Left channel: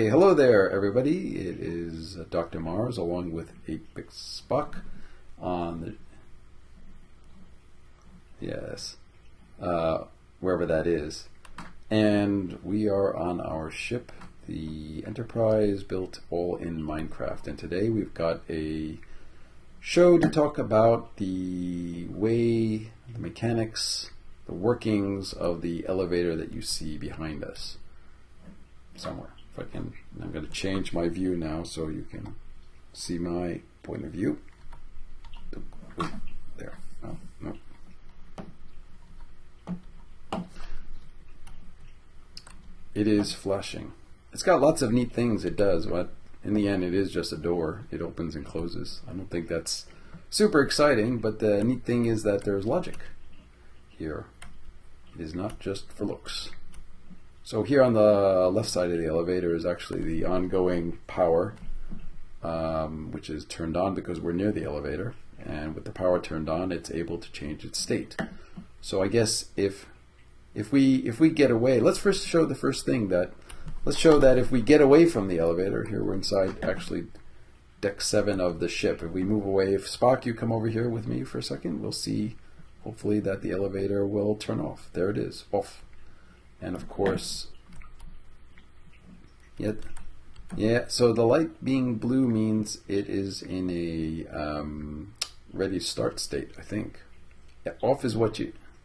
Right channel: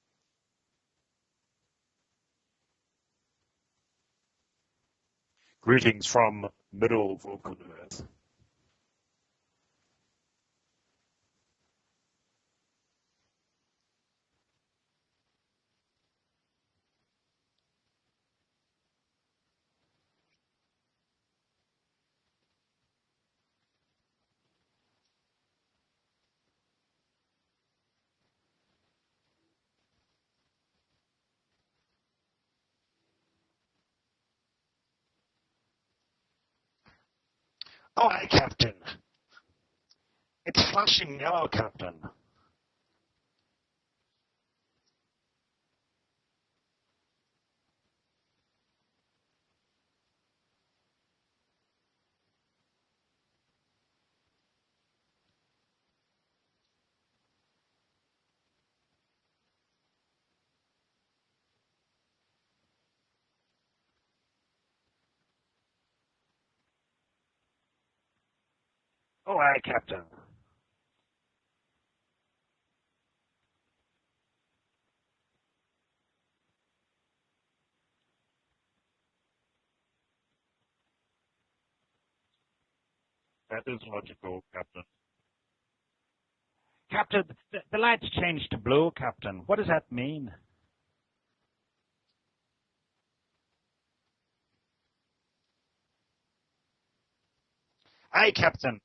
Okay, hello there, everybody. It is Dr. Mars along with 8-Bit Spock on, Greetings from middle Vulcan Earth. yes, wherever that is. And we are on our ship, the Enterprise, built all in Minecraft. And today we've got a show to talk about the way, the mechanics, the workings of the elevator that you see behind us somewhere. If I can, I'm going to change my view now so you can see my point of view. There. Oh, no. Oh, hi, Captain. It's flashing yellow, Captain. It is flashing. It's got lots of neat things it does, but in the end it is just a door. It opens and closes. I don't think that's super exciting, but the neat thing is that there's logic here. It is not just for looks. So here on the left side of the elevator is actually the ongoing power, which is turned on because we're near the elevator. And with the power turned on, it's able to change its state. So I guess if we get away, let's first show the first thing that, let's show that if we get away from the elevator, here we're inside actually deck 7 of the ship. If we move away, if Spock, you come over here with me for a second, we'll see hopefully that the elevator will turn off. There it is, off. And of course, Captain, the lights changed to blue, Captain. What does that mean? Yeah, so the light being blue means it is in a ready start state, I think. Yeah, off is Hi, working. Captain.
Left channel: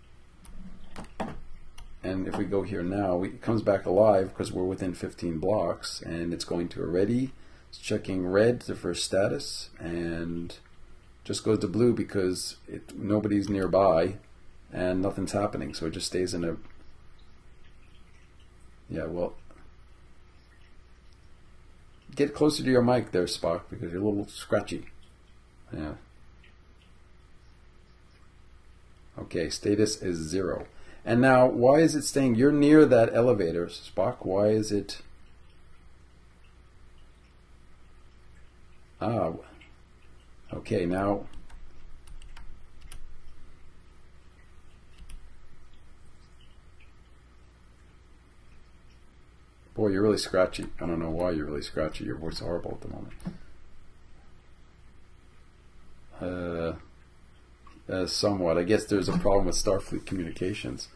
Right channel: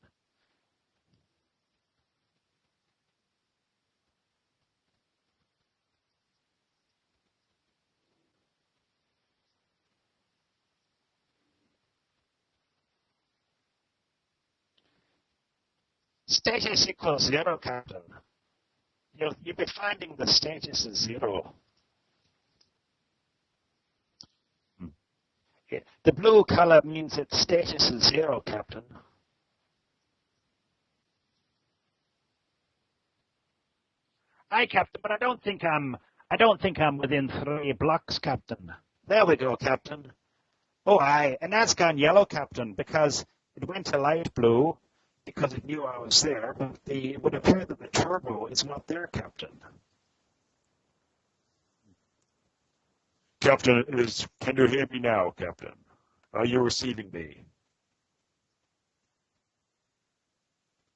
And if we go here now, it comes back alive because we're within 15 blocks, and it's going to a ready. It's checking red to first status, and just goes to blue because nobody's nearby. And nothing's happening, so it just stays in there. Status equals 0, Captain. Yeah, well, You'll be finding the status is 0. get closer to your mic there, Spock, because you're a little scratchy. Yeah. The blue color means its status is 0, Captain. Okay, status is 0. And now, why is it staying? You're near that elevator, Spock. Why Hi, is Captain. it? But I don't think I'm within 3 blocks, Captain. Oh, There we go, Captain. okay. Oh, now, aye, and that's gone yellow, Captain, because it went to light blue because it knew I was there. But it would appear that the turbo is not there, Captain. boy, you're really scratchy. I don't know why you're really scratchy. Your voice is horrible at the moment. Captain, can you hear me now, Captain? Are you Uh, receiving me? somewhat. I guess there's a problem with Starfleet communications.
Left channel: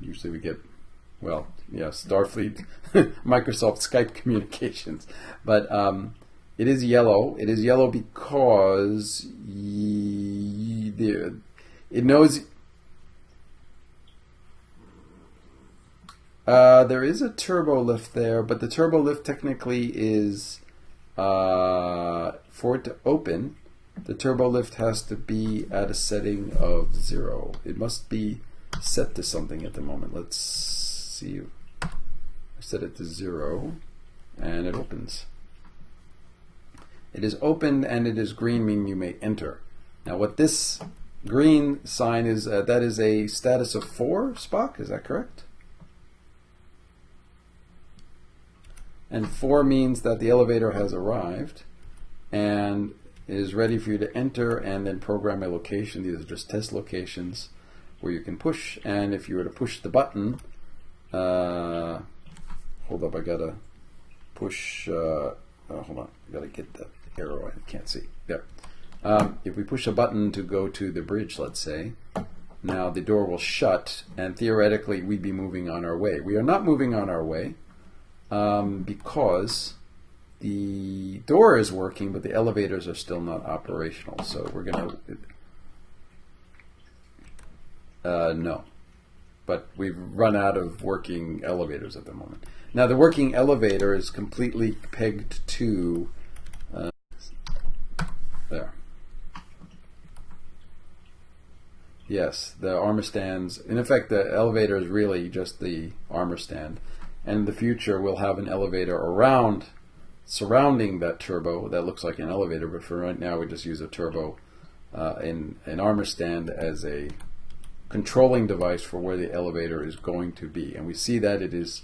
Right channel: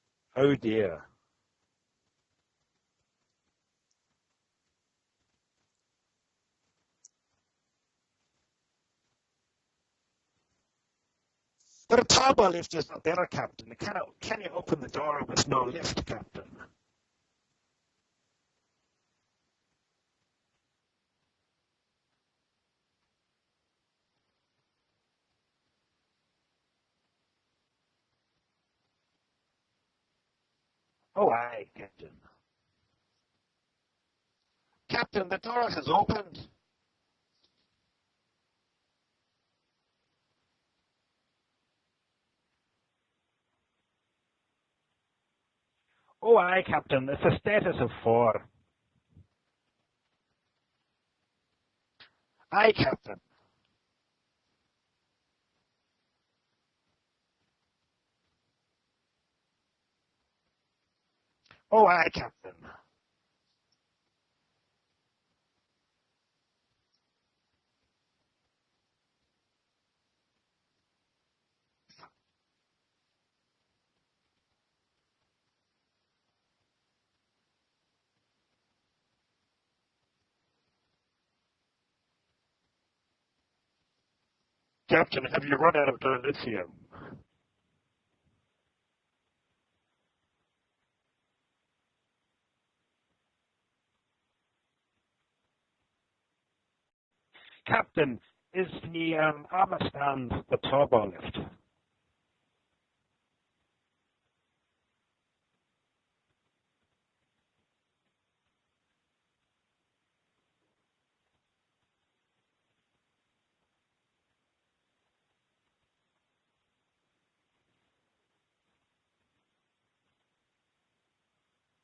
Usually we Oh get, dear. well, yeah, Starfleet, Microsoft Skype communications. But it is yellow. It is yellow because But it a knows turbo lift is not there, Captain. Can you open the door with no lift, Captain? there is a turbo lift there, but the turbo lift technically is for it to open. The turbo lift has to be at a setting of 0. It must be set to something at the moment. Let's see. Oh, aye, Captain. I set it to 0, and it opens. Captain, the door has opened. It is opened, and it is green, meaning you may enter. Now, what this green sign is, that is a status of 4, Spock, is that correct? Oh, aye, Captain. It's a status of 4. And 4 means that the elevator has arrived, and Aye, Captain. it is ready for you to enter and then program a location. These are just test locations where you can push, and if you were to push the button, Oh, aye, Captain. hold up, I gotta push, hold on, I gotta get the arrow, I can't see, there. If we push a button to go to the bridge, let's say, now the door will shut, and theoretically we'd be moving on our way. We are not moving on our way, because the door is working, but the elevators are still not operational, so we're gonna... Captain, have you run out of lithium? No, but we've run out of working elevators at the moment. Now the working elevator is completely pegged to... Captain, is the armor stand the turbo lift? Yes, the armor stands. In effect, the elevator is really just the armor stand. And in the future, we'll have an elevator around, surrounding that turbo that looks like an elevator. But for right now, we just use a turbo in an armor stand as a controlling device for where the elevator is going to be. And we see that it is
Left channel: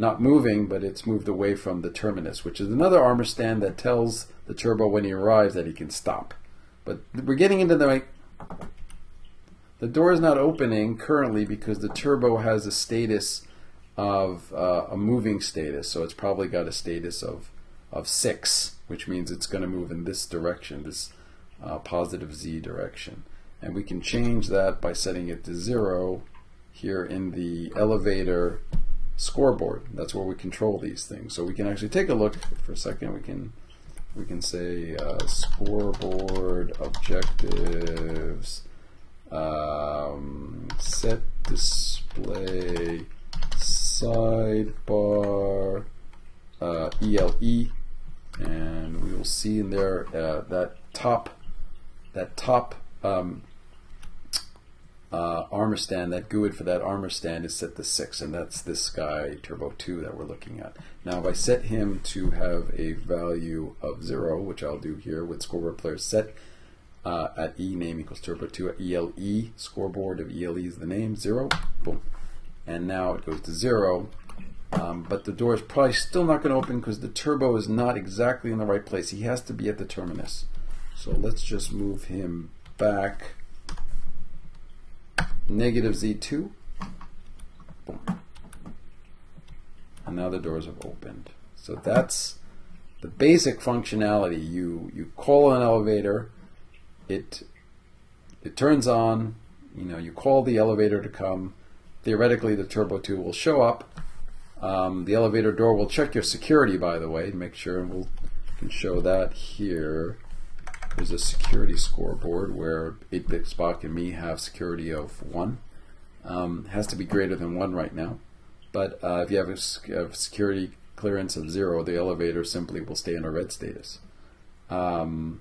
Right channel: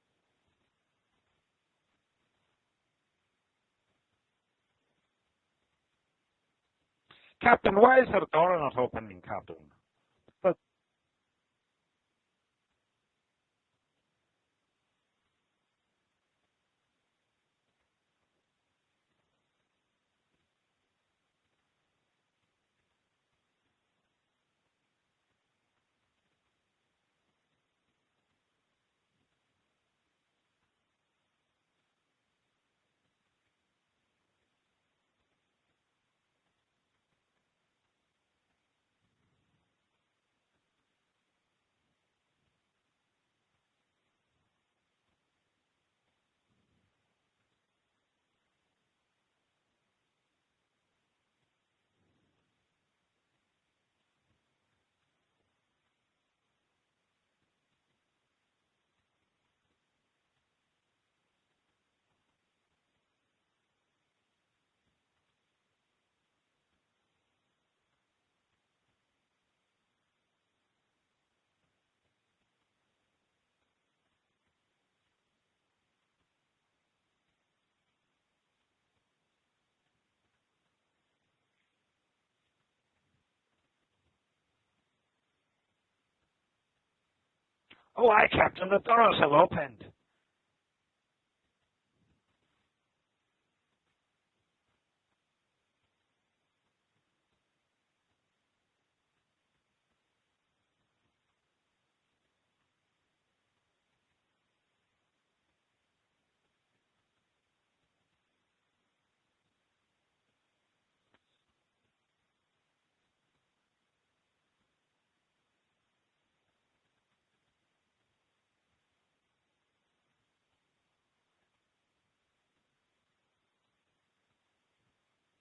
not moving, but it's moved away from the terminus, which is another armor stand that tells the turbo when he arrives that he can stop. But we're getting Captain, into why the... is the door not opening, Captain? The door is not opening currently because the turbo has a status of a moving status. So it's probably got a status of 6, which means it's going to move in this direction, this positive z direction. And we can change that by setting it to 0 here in the elevator scoreboard. That's where we control these things. So we can actually take a look for a second. We can say scoreboard objectives, set display sidebar ELE, and we will see in there that top armor stand, that GUID for that armor stand is set to 6, and that's this guy Turbo 2 that we're looking at. Now if I set him to have a value of 0, which I'll do here with scoreboard player set at E name equals Turbo 2 at ELE, scoreboard of ELE is the name, 0, boom. And now it goes to 0, but the door is probably still not going to open because the turbo is not exactly in the right place. He has to be at the terminus. So let's just move him back negative Z2. Oh, hi, Captain. The doors have opened. And now the doors have opened. So that's the basic functionality. You call an elevator, it turns on, you call the elevator to come. Theoretically, the Turbo 2 will show up. The elevator door will check your security, by the way, to make sure, and we can show that here. There's a security scoreboard where 8-Bit Spock and me have security of 1. Has to be greater than 1 right now. But if you have a security clearance of 0, the elevator simply will stay in a red status. Could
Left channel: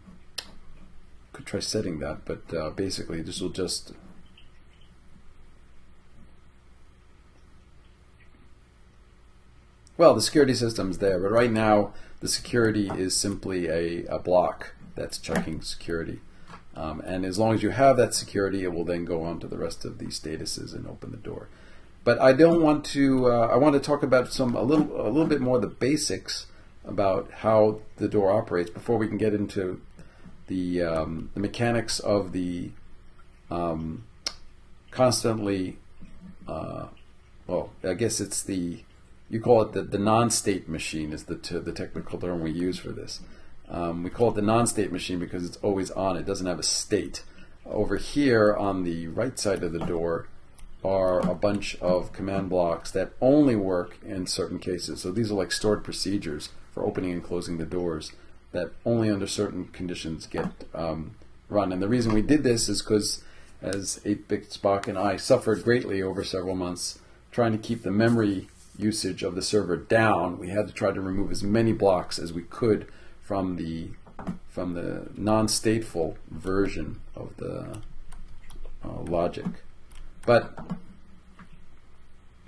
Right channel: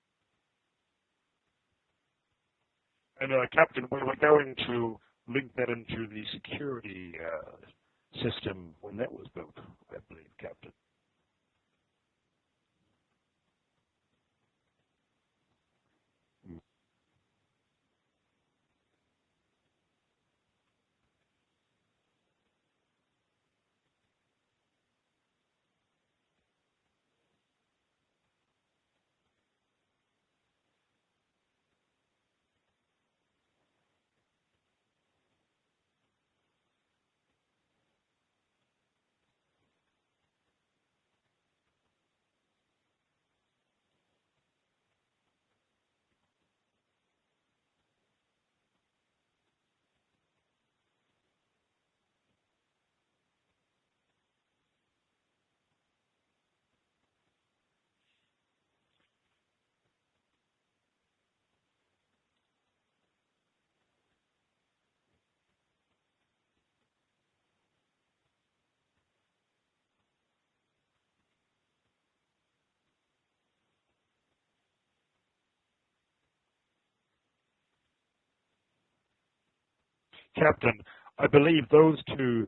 try setting that, but basically this will Captain, just... we were going to link that into the security system when that was built. Well, the security system's there, but right now the security is simply a block that's checking security. And as long as you have that security, it will then go on to the rest of the statuses and open the door. But I don't want to. I want to talk about a little bit more of the basics about how the door operates before we can get into the mechanics of the constantly. Well, I guess it's you call it the non-state machine is the technical term we use for this. We call it the non-state machine because it's always on. It doesn't have a state. Over here on the right side of the door are a bunch of command blocks that only work in certain cases. So these are like stored procedures for opening and closing the doors that only under certain conditions get run. And the reason we did this is because as 8-Bit Spock and I suffered greatly over several months trying to keep the memory usage of the server down, we had to try to remove as many blocks as we could from the non-stateful version of the logic. But Captain, I believe those two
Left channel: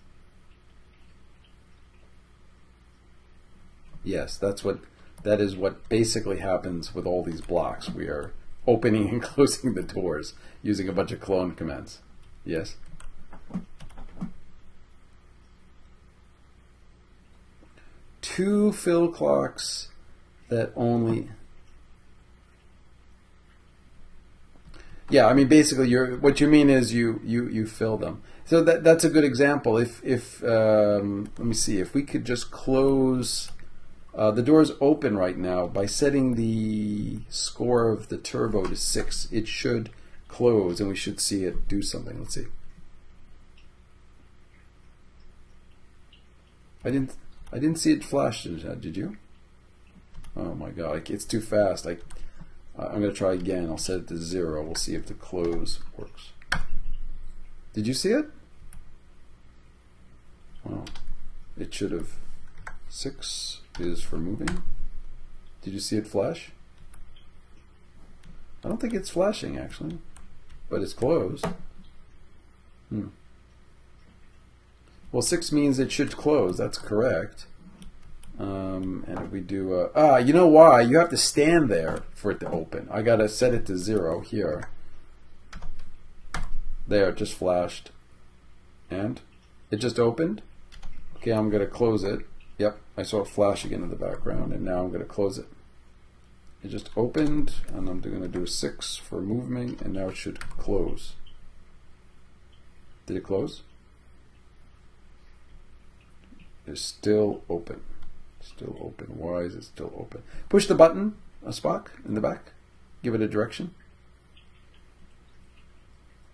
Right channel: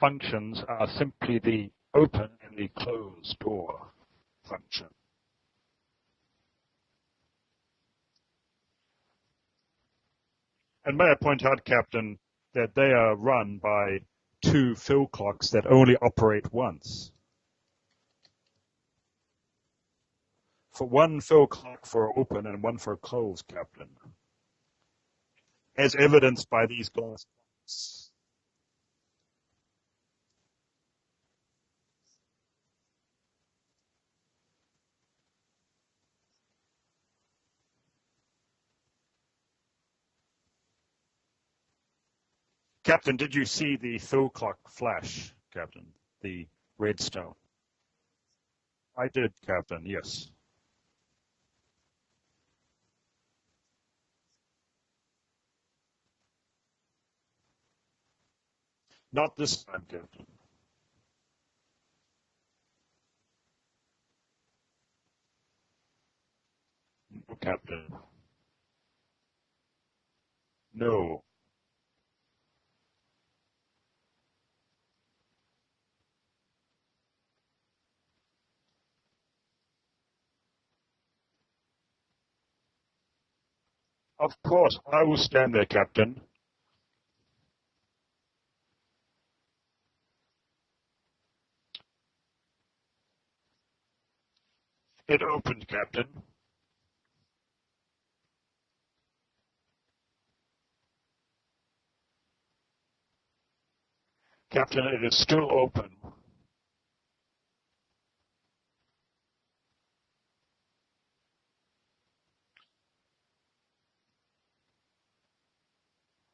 functions are simply the open and the close door. yes, that is what basically happens with all these blocks. We are opening and closing the doors using a And bunch may I of point clone out, commands. Captain, Yes. that they are run by two fill clocks that only operate once. 2 fill clocks that only... One fill clock for open and one for close, Captain. Yeah, I mean, basically, As what evidenced you mean by is you fill them. So that's a good example. If let me see, if we could just close the door's open right now by setting the score of the turbo to 6, it should close, and we should see it do something. Let's see. Captain, did you see the fill clock flash, Captain? The redstone. I didn't see it flash. Did you? I did, Captain. Yes. Oh my God, it's too fast. I'm going to try again. I'll set it to 0. We'll see if the close works. Did you see it? Not this time, Captain. Wow. It should have. 6 is for moving. Did you see it flash? No, Captain. I don't think it's flashing, actually. But it's No. closed. Well, 6 means it should close. That's correct. And if we do... you know why? You have to stand there for it to open. I got to set it to 0 Of here. course, I will stand there, Captain. There, it just flashed. And? It just opened? Okay, I'm going to close it. Yep, I saw it flash again in the background, and now I'm going to It close it. opened, Captain. It just opened, and I'm going to do 6 for moving, and now it should close. Did it close? Captain, it is still open. It's still open. Still open. Why is it still open? Push the button, Spock, in the back. Give it a direction.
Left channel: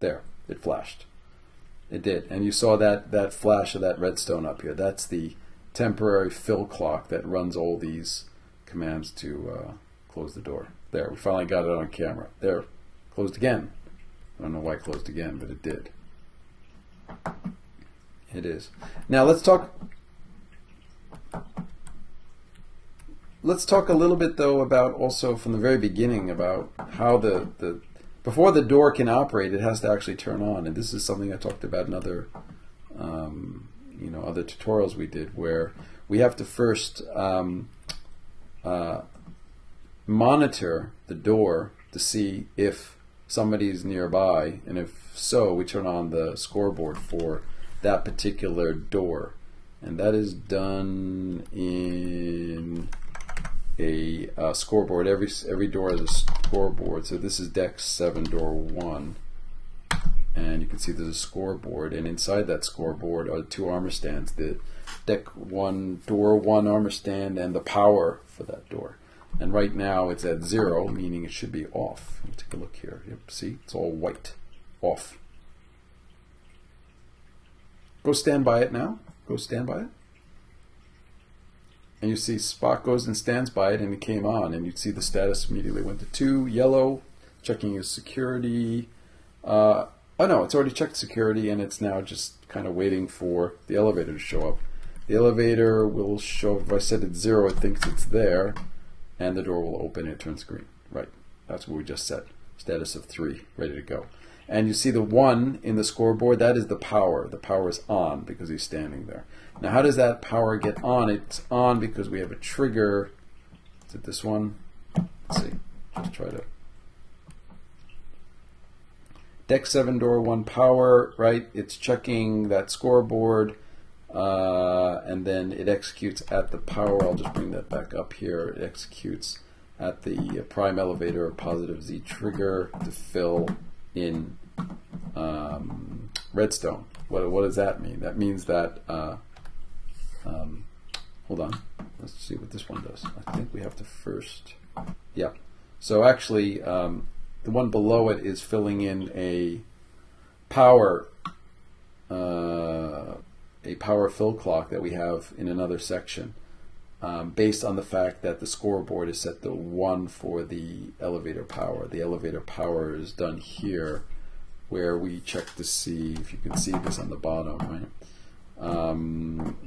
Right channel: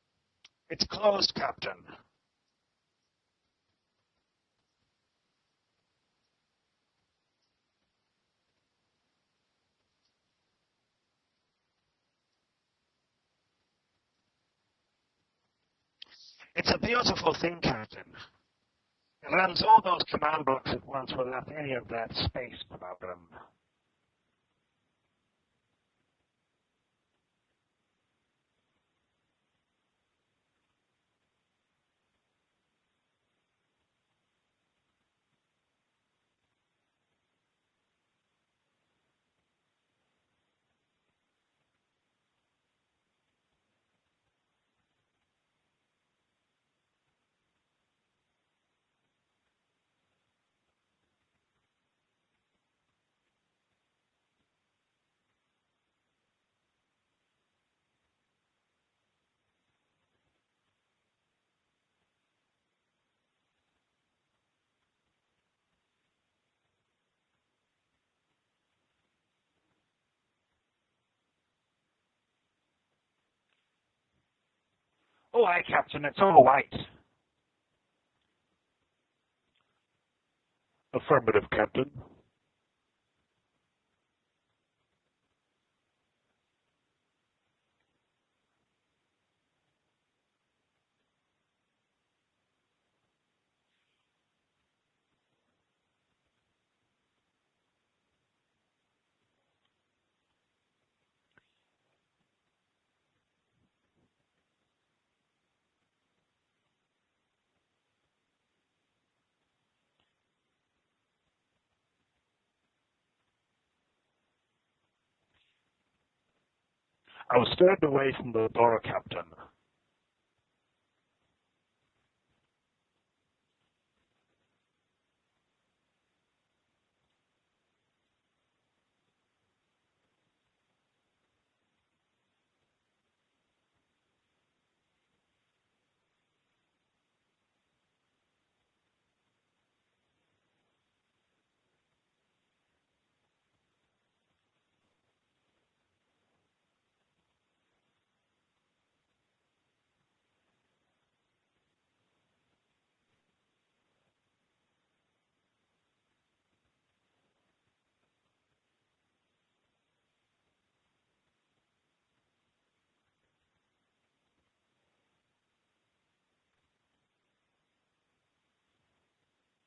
There. It flashed. It's closed, Captain. It did. And you saw that flash of that redstone up here. That's the temporary fill clock that runs all these commands to close the door. There. We finally got it on camera. There. Closed again. I don't know why it closed again, but it did. It's a beautiful thing, Captain. It is. Now let's That's talk. all those command blocks at once without any of that space about them. Let's talk a little bit though about also from the very beginning about how the before the door can operate, it has to actually turn on, and this is something I talked about in other other tutorials we did, where we have to first monitor the door to see if somebody's nearby, and if so, we turn on the scoreboard for that particular door, and that is done in a scoreboard. Every door has a scoreboard. So this is deck 7, door 1, and you can see there's a scoreboard, and inside that scoreboard are 2 armor stands: the deck 1, door 1 armor stand, and the power for that door. And right now it's at 0, meaning it should be off. Let me take a look here. Yep, see, it's all white, off. Oh, aye, Captain, it's all white. Go stand by it now. Go stand by it. Affirmative, Captain. And you see Spock goes and stands by it, and it came on, and you'd see the status immediately went to 2, yellow, checking his security. Oh no, it's already checked security, and it's now just kind of waiting for the elevator to show up. The elevator will show, if I set it 0, it thinks it's there, and the door will open, and it turns green. Right, that's what we just set. Status of 3, ready to go. And you see the 1 in the scoreboard, that is the power. The power is on because he's standing there. Now, how does that power get on? It's on because we have a trigger. Is it this one? Let's see. Just try to. I was staying away from the door, Captain. Deck 7, door 1 power, right? It's checking that scoreboard, and then it executes at the power. I'll just bring that back up here. It executes at the prime elevator, positive Z trigger to fill in redstone. What does that mean? That means that. Hold on. Let's see what this one does. I think we have to first. Yeah. So actually, the one below it is filling in a power fill clock that we have in another section, based on the fact that the scoreboard is set to 1 for the elevator power. The elevator power is done here, where we check to see if you can see this on the bottom, right?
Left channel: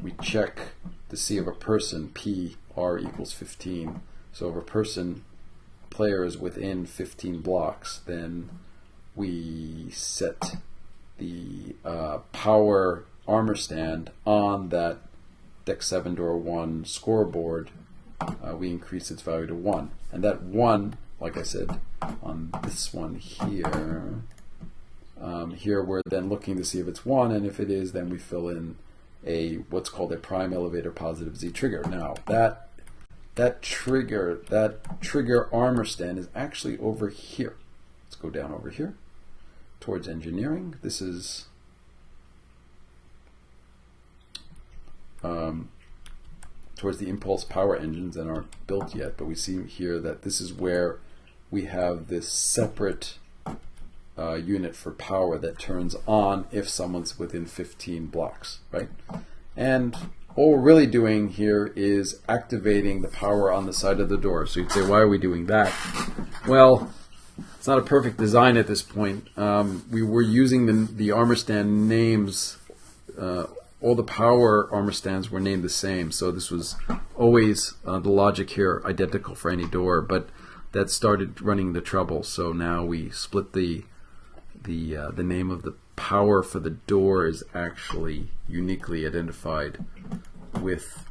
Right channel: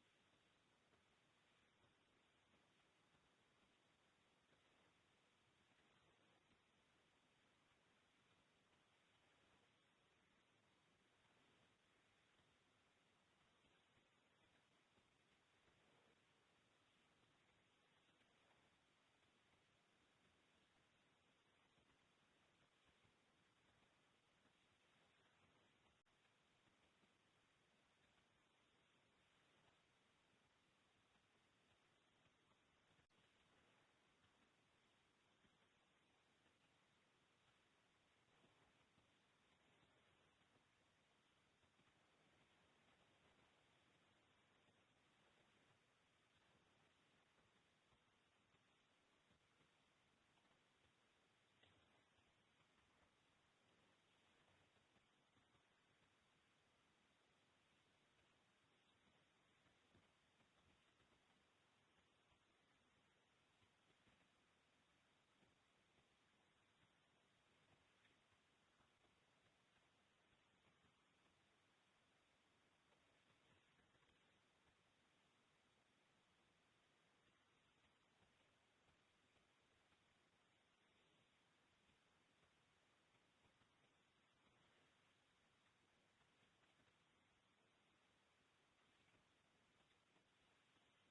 We check to see if a person, PR equals 15. So if a player is within 15 blocks, then we set the power armor stand on that deck 7, door 1 scoreboard. We increase its value to 1. And that 1, like I said, on this one here, here we're then looking to see if it's 1, and if it is, then we fill in what's called a prime elevator positive Z trigger. Now that trigger armor stand is actually over here. Let's go down over here towards engineering. This is towards the impulse power engines that aren't built yet, but we see here that this is where we have this separate unit for power that turns on if someone's within 15 blocks, right? And all we're really doing here is activating the power on the side of the door. So you'd say, why are we doing that? Well, it's not a perfect design at this point. We were using the armor stand names. All the power armor stands were named the same, so this was always the logic here identical for any door, but that started running into trouble. So now we split the name of the power for the door is actually uniquely identified with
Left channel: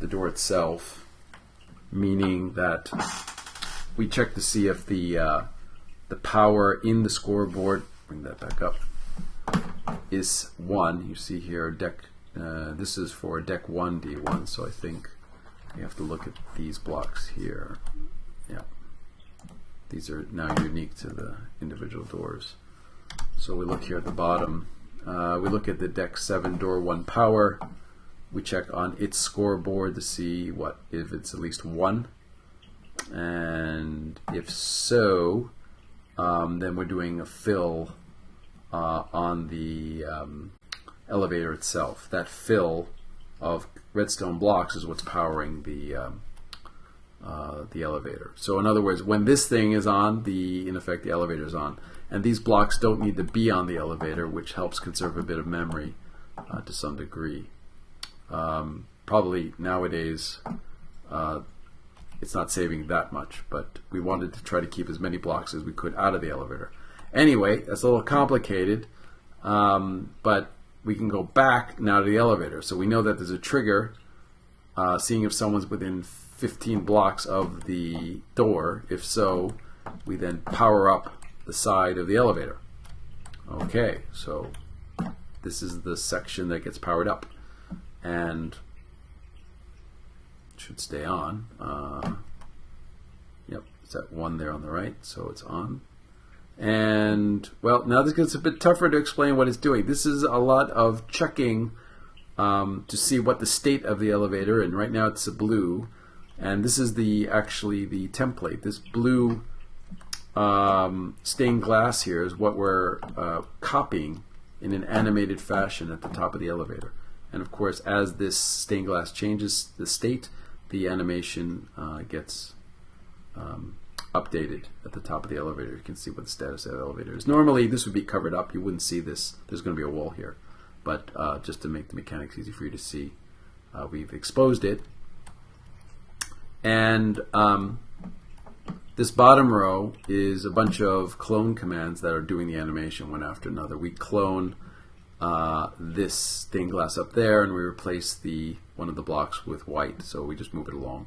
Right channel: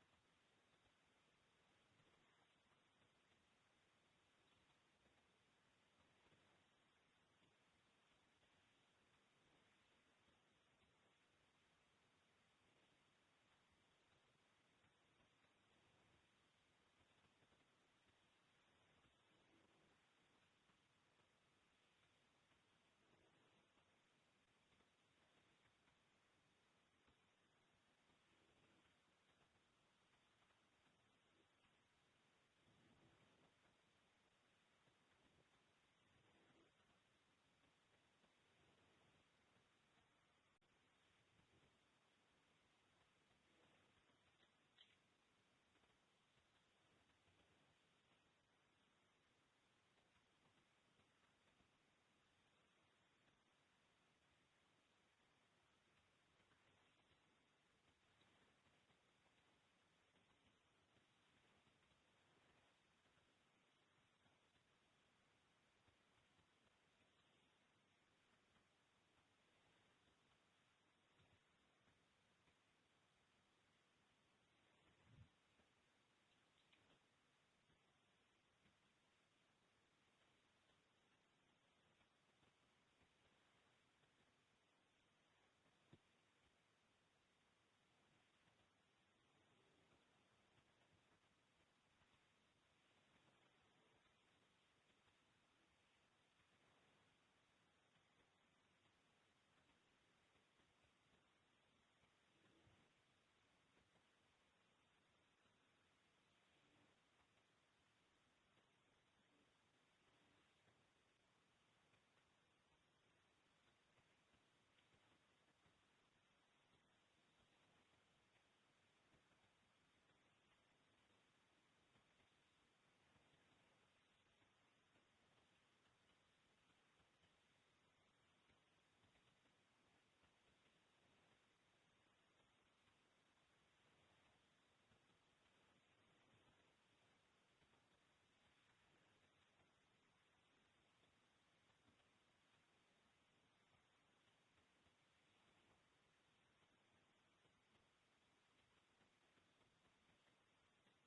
the door itself, meaning that we check to see if the power in the scoreboard, bring that back up, is 1. You see here deck. This is for deck 1 D1. So I think we have to look at these blocks here. Yeah, these are now unique to the individual doors. So we look here at the bottom, We look at the deck 7, door 1 power. We check on its scoreboard to see if it's at least 1. And if so, then we're doing a fill on the elevator itself. That fill of redstone blocks is what's powering the elevator. So in other words, when this thing is on, in effect the elevator is on. And these blocks don't need to be on the elevator, which helps conserve a bit of memory to some degree. Probably nowadays it's not saving that much, but we wanted to try to keep as many blocks as we could out of the elevator. Anyway, that's a little complicated, but we can go back now to the elevator. So we know that there's a trigger, seeing if someone's within 15 blocks of the door. If so, we then power up the side of the elevator. Okay, so this is the section that gets powered up and should stay on. Yep, it's that one there on the right, so it's on. And well, now this gets a bit tougher to explain what it's doing. This is a lot of checking to see what the state of the elevator, and right now it's a blue, and this is actually the template. This blue stained glass here is what we're copying in an animated fashion at the top of the elevator. And of course, as this stained glass changes the state, the animation gets updated at the top of the elevator. You can see what the status of the elevator is. Normally this would be covered up. You wouldn't see this. There's going to be a wall here. But just to make the mechanics easy for you to see, we've exposed it. And this bottom row is a bunch of clone commands that are doing the animation one after another. We clone this stained glass up there, and we replace one of the blocks with white, so we just move it along.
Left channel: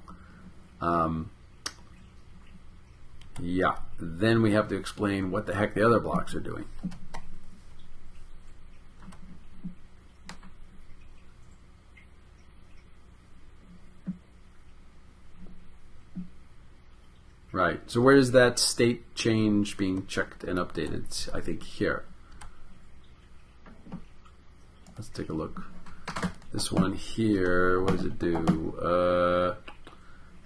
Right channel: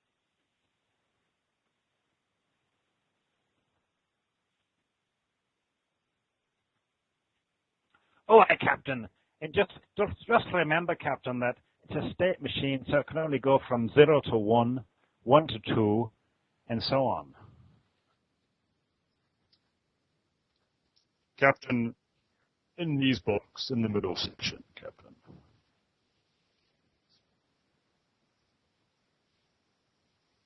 Yeah, then we have to explain what the heck the other blocks are doing. Oh, hi, Captain. And just remember, Captain, that it's a state machine, so it can only go from 0 to 1, 1 to 2, and so on. Right. So where is that state change being checked and updated? I think Captain, here. in these blocks in the middle section. Captain. Let's take a look. This one here, what does it do?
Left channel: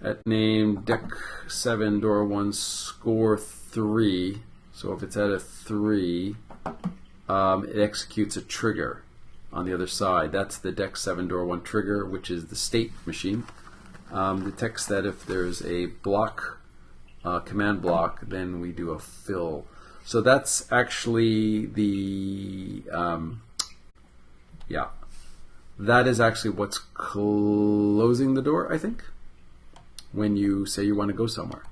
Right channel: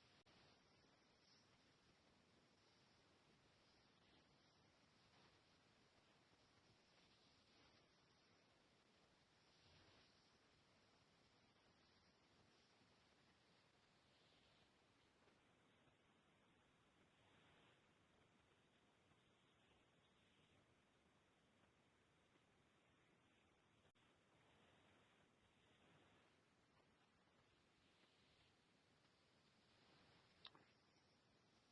At name deck 7 door 1 score 3. So if it's at a 3, it executes a trigger on the other side. That's the deck 7 door 1 trigger, which is the state machine. Detects that if there's a block, command block, then we do a fill. So that's actually that is actually what's closing the door, I think, when you say you want to go somewhere,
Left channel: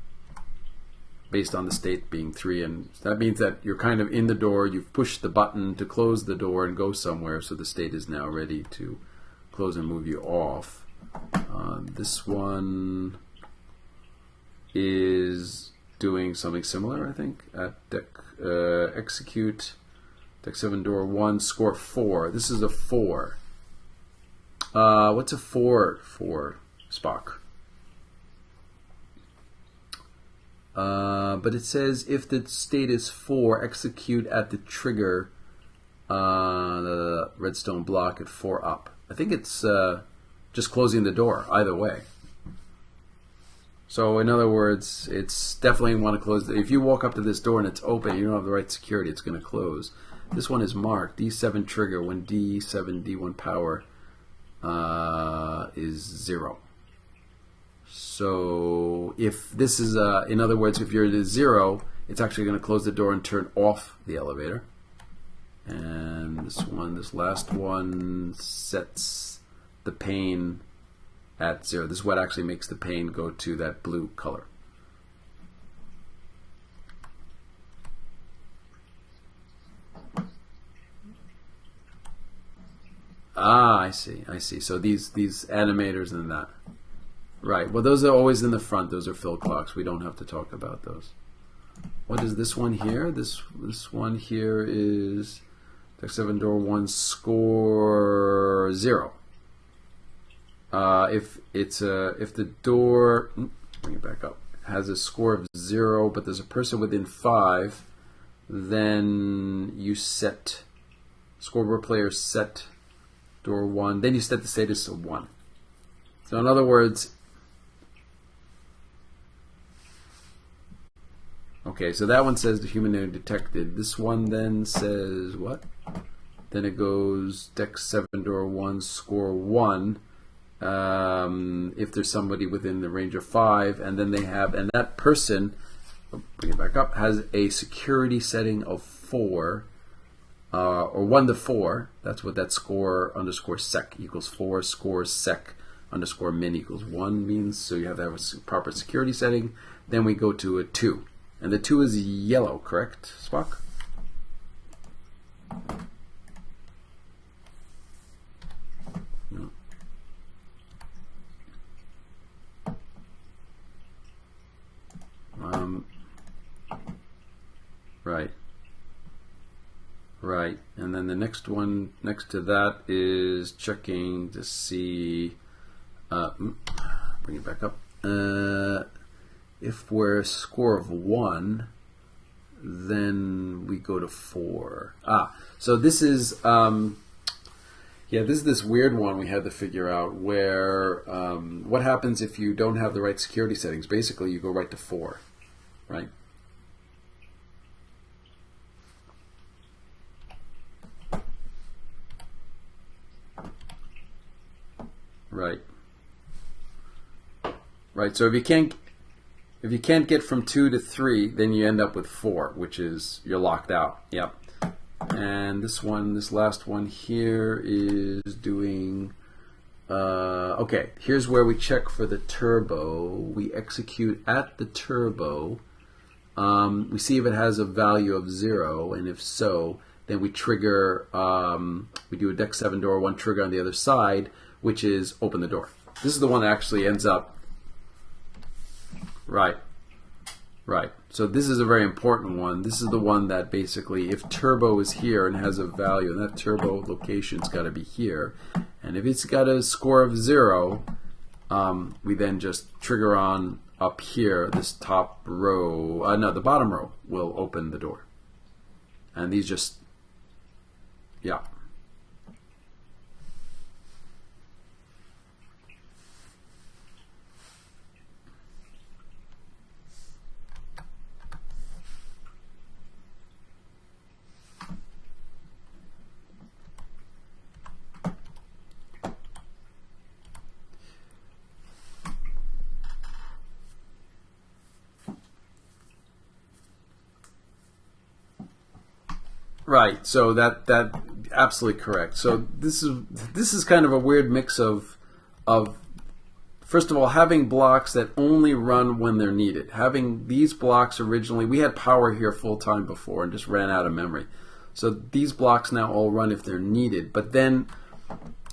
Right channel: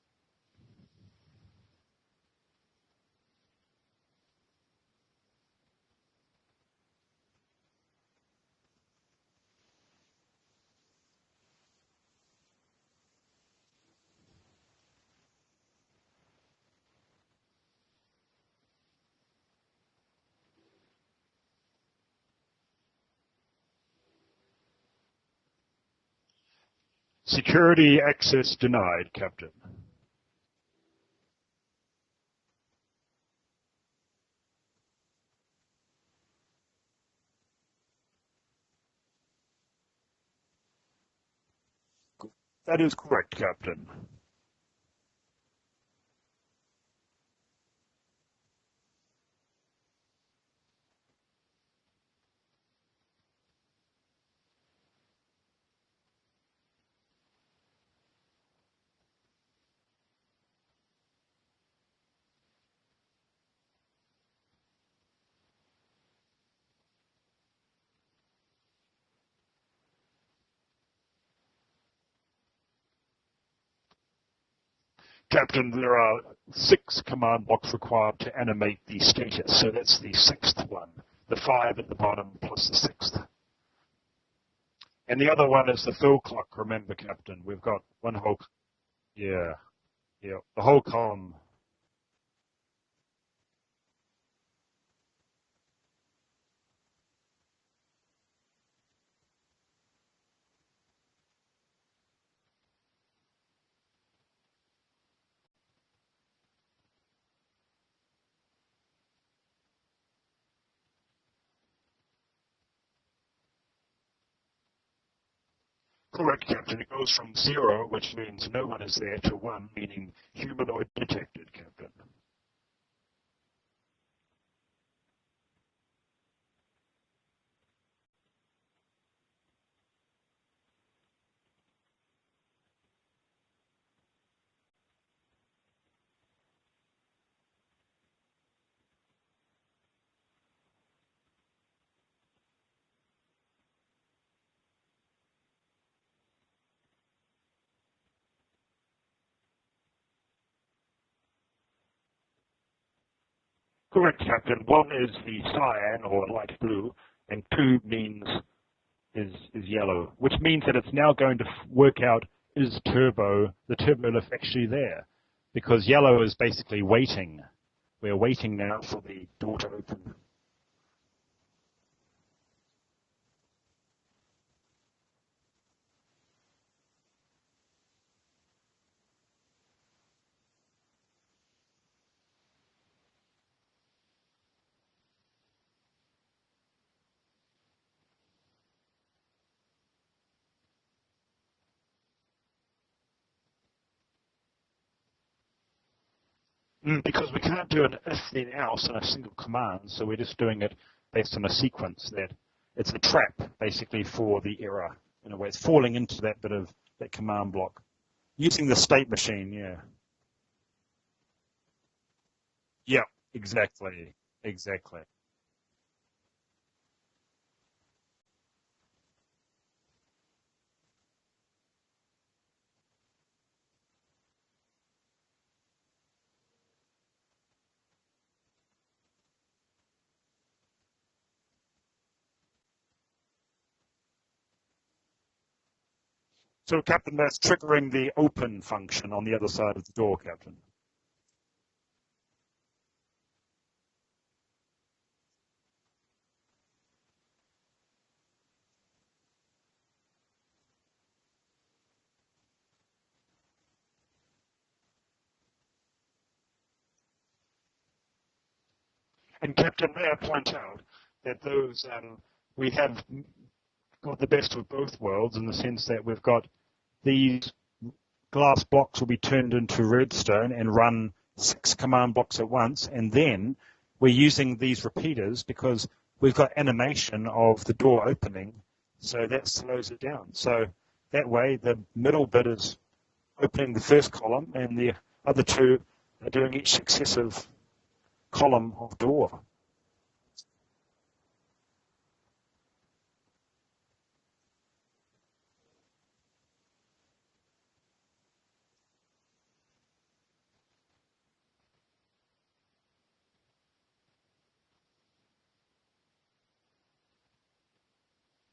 based on the state being 3. And that means that you're kind of in the door, you've pushed the button to close the door and go somewhere, so the state is now ready to close and move you off. This one is doing something similar, I think, at deck execute deck 7 door 1 score 4. This is a 4. What's a 4 for, Spock? Security access denied, Captain. But it says if the state is 4, execute at the trigger the redstone block at 4 up. I think it's just closing the door either way. That is correct, Captain. So in other words, it's definitely want to close. If you walk up to this door and it's open, you don't have the right security, it's going to close. This one is marked D7 trigger when D7 D1 power is 0. So if this is in other words, if you're at 0, it's actually going to close the door and turn off the elevator. And this last one sets the pane at 0. This is what actually makes the pane go to that blue color. Captain, there are 6 command blocks required to animate the status, so that's the 6th one. The 5 at the bottom plus the 6th. Ah, I see. So these And the other one is the animators fill and that. clock, remember, Captain. Right. Well, those are always in the front. Those are fill Yeah. clocks. We don't have to talk The about whole those. column. What is this one here? This one here is deck 7 door 1 score 0. If the door bring it back up, has a score of 0, but there's a person within 5, then you set scoreboard player set door 1. Then you set the status to 1. Correct. So in other words, it goes from 0, which means no one is there, to 1, meaning humanoid detected. okay, so that one says the humanoid detected. This one then says what? Then it goes deck 7 door 1, score 1. If there's somebody within the range of 5, and then they have, and that person, bring it back up, has a security setting of 4, or 1 to 4. That's what that score underscore sec equals 4. Score sec underscore min equals 1 means. So you have to have a proper security setting. Then we go to a 2, and the 2 is yellow, correct, Spock? Correct, Captain. 1 is the cyan or light blue, and 2 means is yellow, which means that it's now going to work out is the turbo lift actually there, because yellow is basically waiting. We're waiting now for the door to open. Right, and then the next one next to that is checking to see. Bring it back up. If we're a score of 1, then we go to 4. So this is this is this weird one we had to figure out where what happens if you don't have the right security settings. Basically, you go right to 4, right? Because we can't do an if then else in a single command, so we're just doing it based on a sequence that it's a trap basically for the error. We're falling into that bit of that command block. Right. So if you using can't the state machine, if you can't get from 2 to 3, then you end up with 4, which is you're locked out. Yep. Exactly. And this last one here is doing. Okay, here's where we check for the turbo. We execute at the turbo. We see if it has a value of 0, and if so, then we trigger. We do a deck 7 door 1 trigger on the other side, which is open the door. This is the one that actually ends up. That's triggering the open function on the other side of the door, Captain. Right. So this is a very important one. This is the one that basically, if turbo is here and has a value, and that turbo location's got to be here, and if it's got a score of 0, we then just trigger on up here this top row. No, the bottom row will open the door. And these just. Captain, may I point out that those we have got the best of both worlds in the sense that we've got these glass blocks will be turned into redstone and run 6 command blocks at once, and then we're using these repeaters because we've got animation of the door opening, so that slows it down. So that way the middle bit is opening the first column and the other 2 are doing each successive column of door. Right. So that absolutely correct. So this is kind of a weird mix of first of all having blocks that only run when they're needed. Having these blocks originally, we had power here full time before and just ran out of memory. So these blocks now all run if they're needed. But then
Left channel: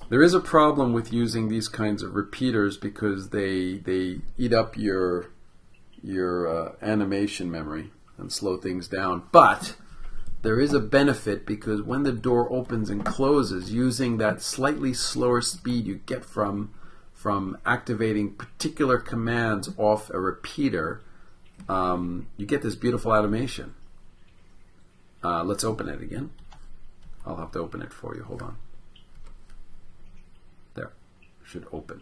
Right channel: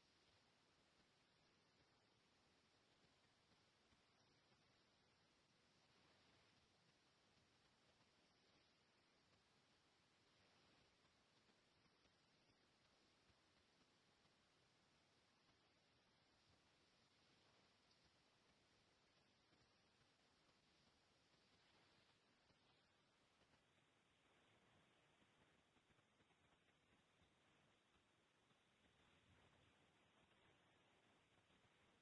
there is a problem with using these kinds of repeaters because they eat up your animation memory and slow things down. But there is a benefit because when the door opens and closes, using that slightly slower speed you get from activating particular commands off a repeater, you get this beautiful animation. Let's open it again. I'll have to open it for you. Hold on. There. Should open.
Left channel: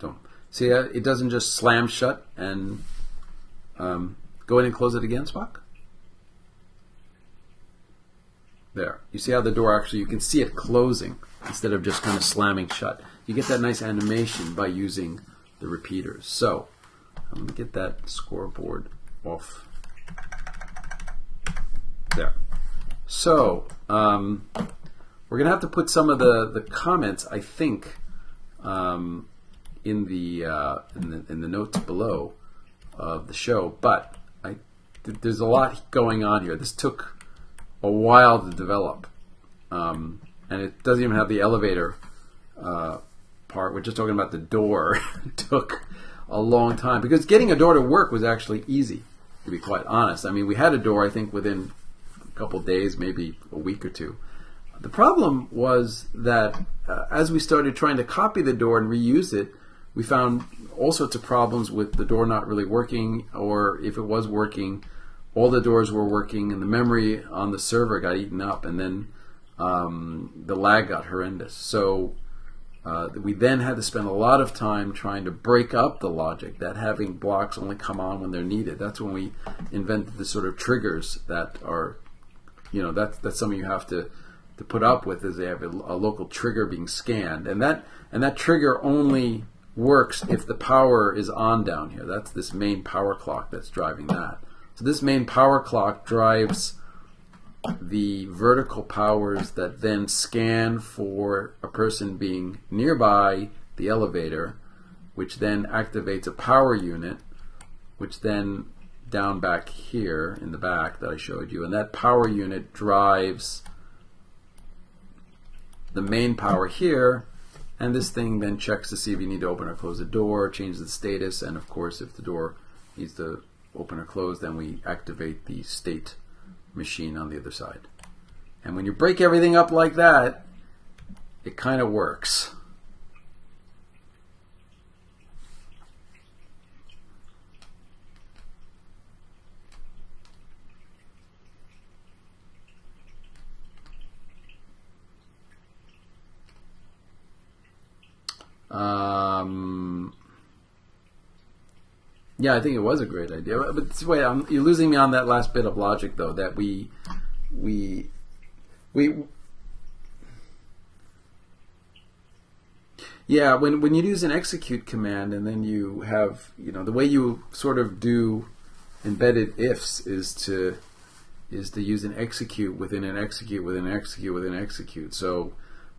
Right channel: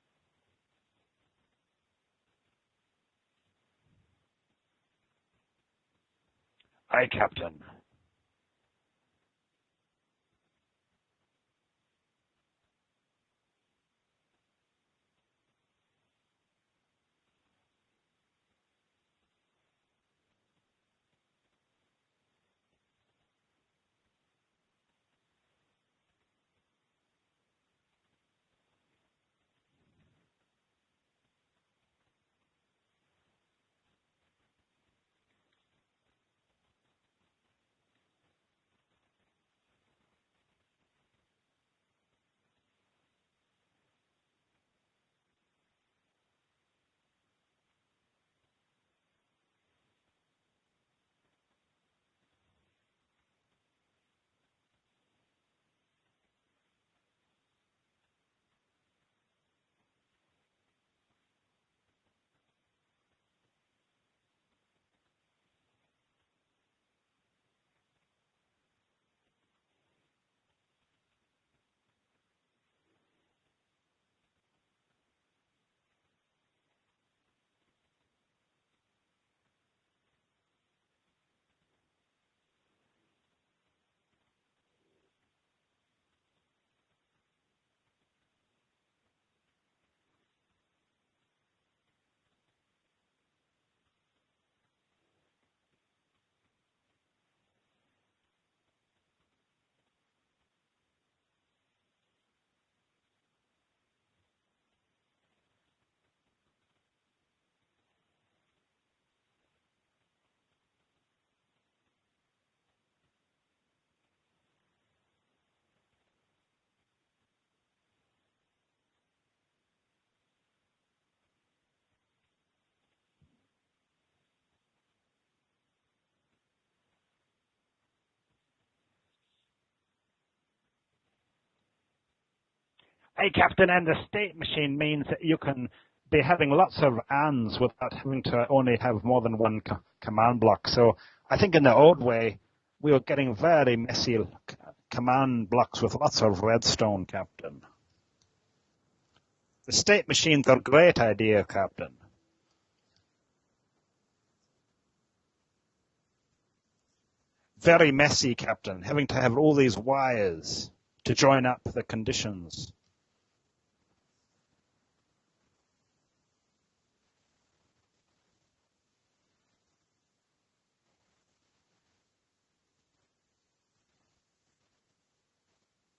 Don't see that? It doesn't just slam shut and go in and close it again, Spock? Aye, Captain. There. You see how the door actually, you can see it closing instead of just kind of slamming shut. You get that nice animation by using the repeaters. So, I'm going to get that scoreboard off. There. So, we're going to have to put some of the comments, I think, in the notes below of the show. But there's a lot going on here. This took a while to develop, and it doesn't even have the elevator part. We're just talking about the door. It took a long time because getting a door to work was actually easy, to be quite honest. I mean, we had a door, I think, within a couple days, maybe a week or 2. The problem was that as we started trying to copy the door and reuse it, we found all sorts of problems with the door not really working, or if it was working, all the doors were working and the memory on the server got eaten up. And then the lag got horrendous. So we then had to spend a lot of time trying to break up the logic, that having blocks only come on when they're needed. That's when we invented the sort of triggers that are, that's something you have to put up with, is they have a local trigger being scanned, and that trigger only works if the power is on down here. That's this main power clock that's driving that. So this main power clock drives the vertical powers that then scan for a person being nearby the elevator, which then activates a power unit, which then down back here in the back that I showed you, and that power unit drives the main power here, and this thing then checks to see if you need to open or close the door, change the status, and of course if the door needs to open or close, then we activate the state machine on the other side. And when you break everything up like that, it kind of works. Hey, Captain, and the state machine means that you can be having lots of ands without having to only have more than one command block. So I think in the old way, we were getting very messy command blocks with lots of redstone, Captain. The state machines are a great idea, Captain. Yeah, I think it was a great idea. But wait, you're losing me on that last bit of logic, though, that Very messy, Captain. Having to have all these wires to join up the conditions. Yeah, when you use an execute command and then you have, the way you sort of do embedded ifs is to use an execute within an execute within an execute within an execute. So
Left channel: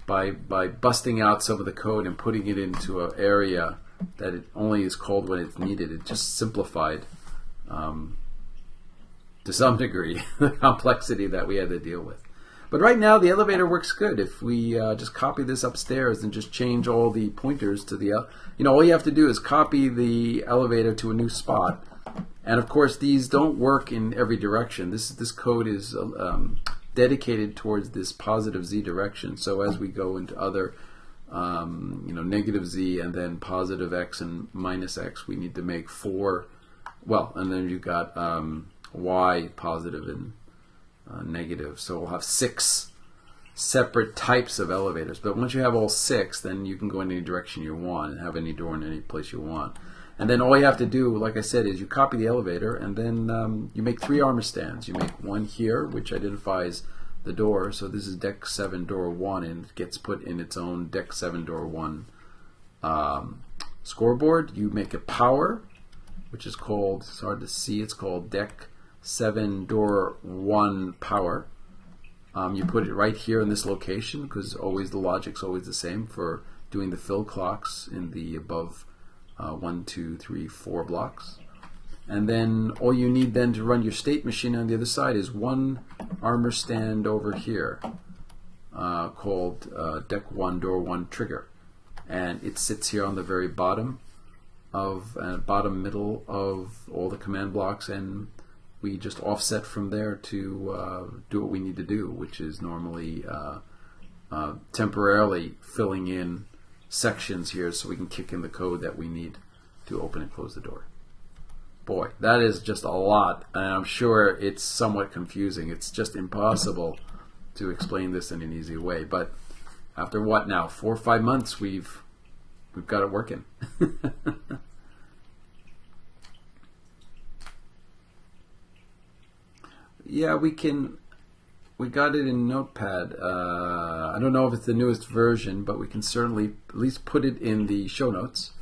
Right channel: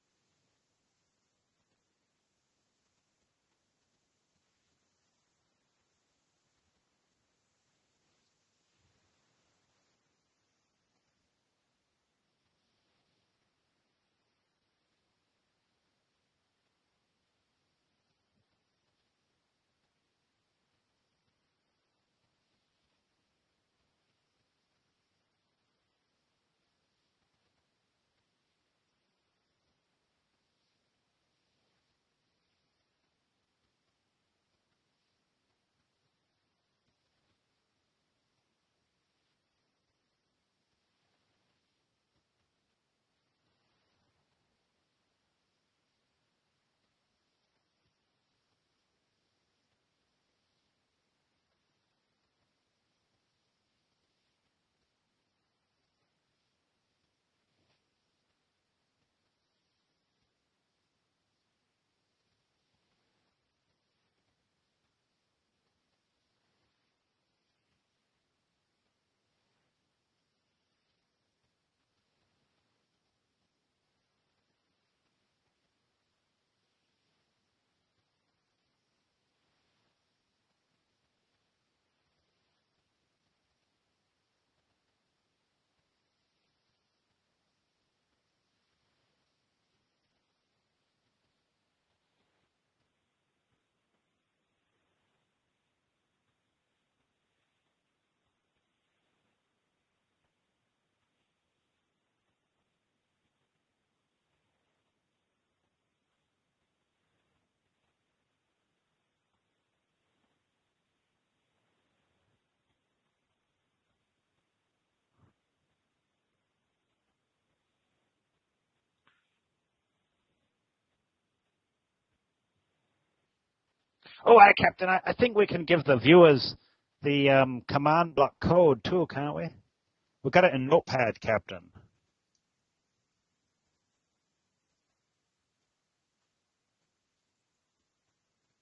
by busting out some of the code and putting it into an area that it only is called when it's needed, it just simplified to some degree the complexity that we had to deal with. But right now the elevator works good. If we just copy this upstairs and just change all the pointers to the, all you have to do is copy the elevator to a new spot. And of course these don't work in every direction. This code is dedicated towards this positive z direction. So as we go into other negative z and then positive x and minus x, we need to make 4, and then you've got y positive and negative. So we'll have 6 separate types of elevators. But once you have all 6, then you can go in any direction you want and have any door in any place you want. And then all you have to do, like I said, is you copy the elevator, and then you make 3 armor stands. You make one here, which identifies the door. So this is deck 7 door 1, and it gets put in its own deck 7 door 1 scoreboard. You make a power, which is called, it's hard to see, it's called deck 7 door 1 power. You put it right here in this location, because always the logic's always the same for doing the fill clocks in the above 1, 2, 3, 4 blocks. And then all you need then to run your state machine on the other side is one armor stand over here called deck 1 door 1 trigger, and it sits here on the very bottom middle of all the command blocks, and we just offset from there to do what we need to do, which is normally temporarily filling in sections here so we can kick in the code that we need to open and close the door. Boy, that is just a lot, and I'm sure it's somewhat confusing. It's just impossible to explain this in an easy way. But after what now, 4 or 5 months, we've got it working. Oh, hi, Captain. I think we can give the viewers the command block code too, can't we? Yeah, we got it in Notepad, Captain. We got it in Notepad. I don't know if it's the newest version, but we can certainly at least put it in the show notes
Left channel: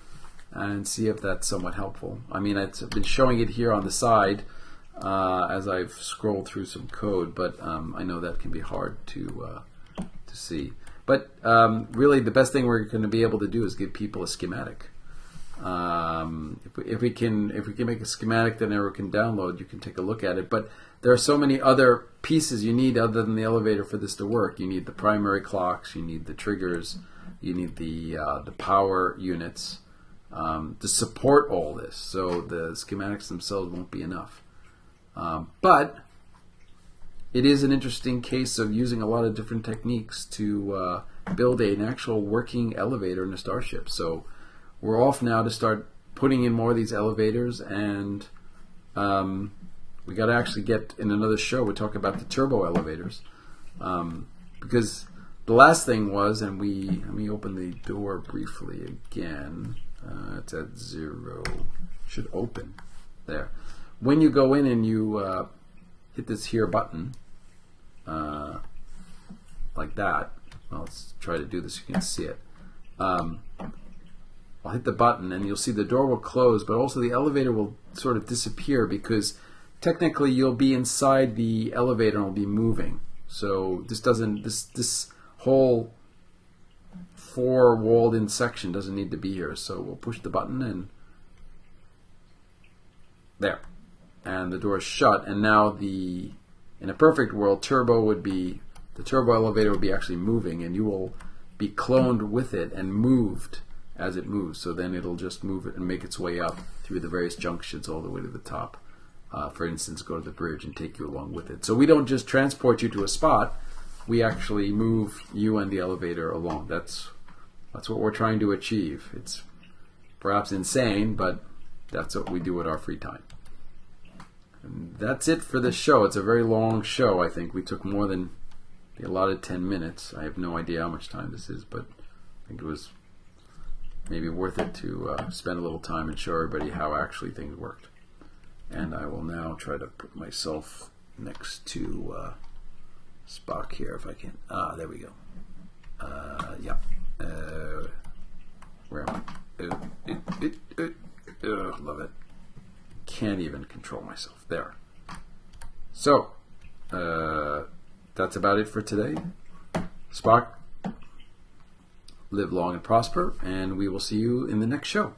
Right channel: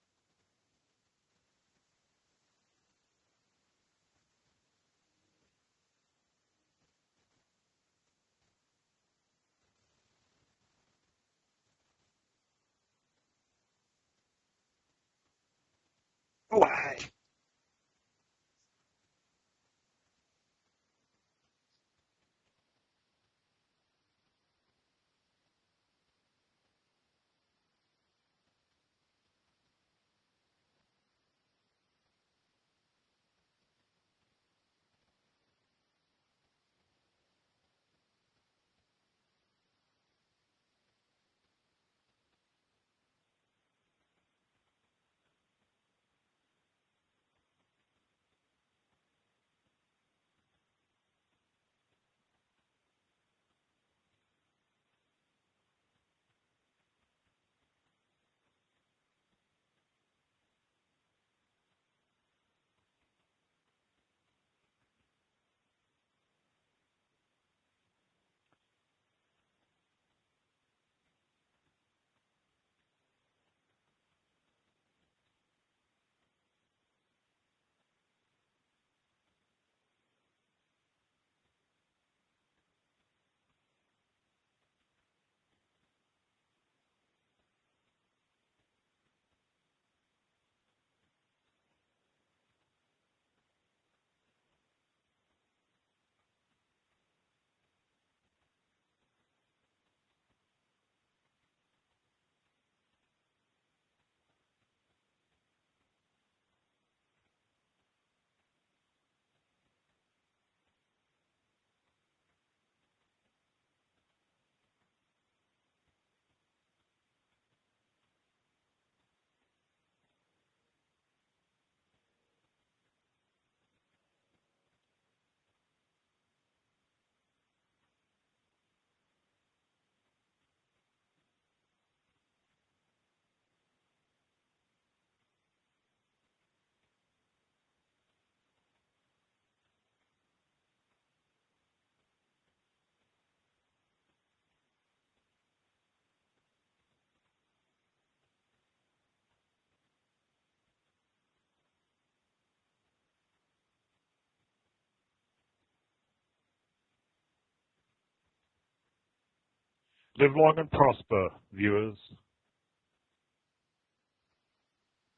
and see if that's somewhat helpful. I mean, I've been showing it here on the side as I've scrolled through some code, but I know that can be hard to see. But really, the best thing we're going to be able to do is give people a schematic. If we can make a schematic that everyone can download, you can take a look at it. But there are so many other pieces you need other than the elevator for this to work. You need the primary clocks, you need the triggers, you need the power units to support all this. So the schematics themselves won't be enough. But it is an interesting case of using a lot of different techniques to build an actual working elevator in a starship. So we're off now to start putting in more of these elevators, and we got to actually get in another show. We talk about the turbo elevators, because the last thing was, and let me open the door briefly again. It's at 0. Should open there. When you go in and you hit this here button, like that. Well, let's try to do this so you can see it. I'll hit the button and you'll see the door will close, but also the elevator will sort of disappear because technically you'll be inside the elevator and will be moving. So this whole 4 walled in section doesn't need to be here. So we'll push the button and there. And the door is shut, and now in a perfect world, the turbo elevator would be actually moving, and you will be cloned with it and moved as it moves. So then it'll just move it and make its way up through the various junctions all the way to the top. For instance, go to the bridge and take you along with it. So we don't just transport you to a spot, we actually move you and the elevator along. That's what we're trying to achieve. It's perhaps insane, but that's what we do at our free time. And that's it for this show. It's a very long show, I think. We took more than the allotted 10 minutes. I have no idea how much time this is, but I think it was maybe worth it to spend a little time and show everybody how actually things worked. And I will now try to put myself next to Spock here if I can. There we go. Yeah. Where am I? Love it. Can't even control myself. There. So, that's about it for today. Spock, live long and prosper, viewers. Live long and prosper, and we will see you in the next show.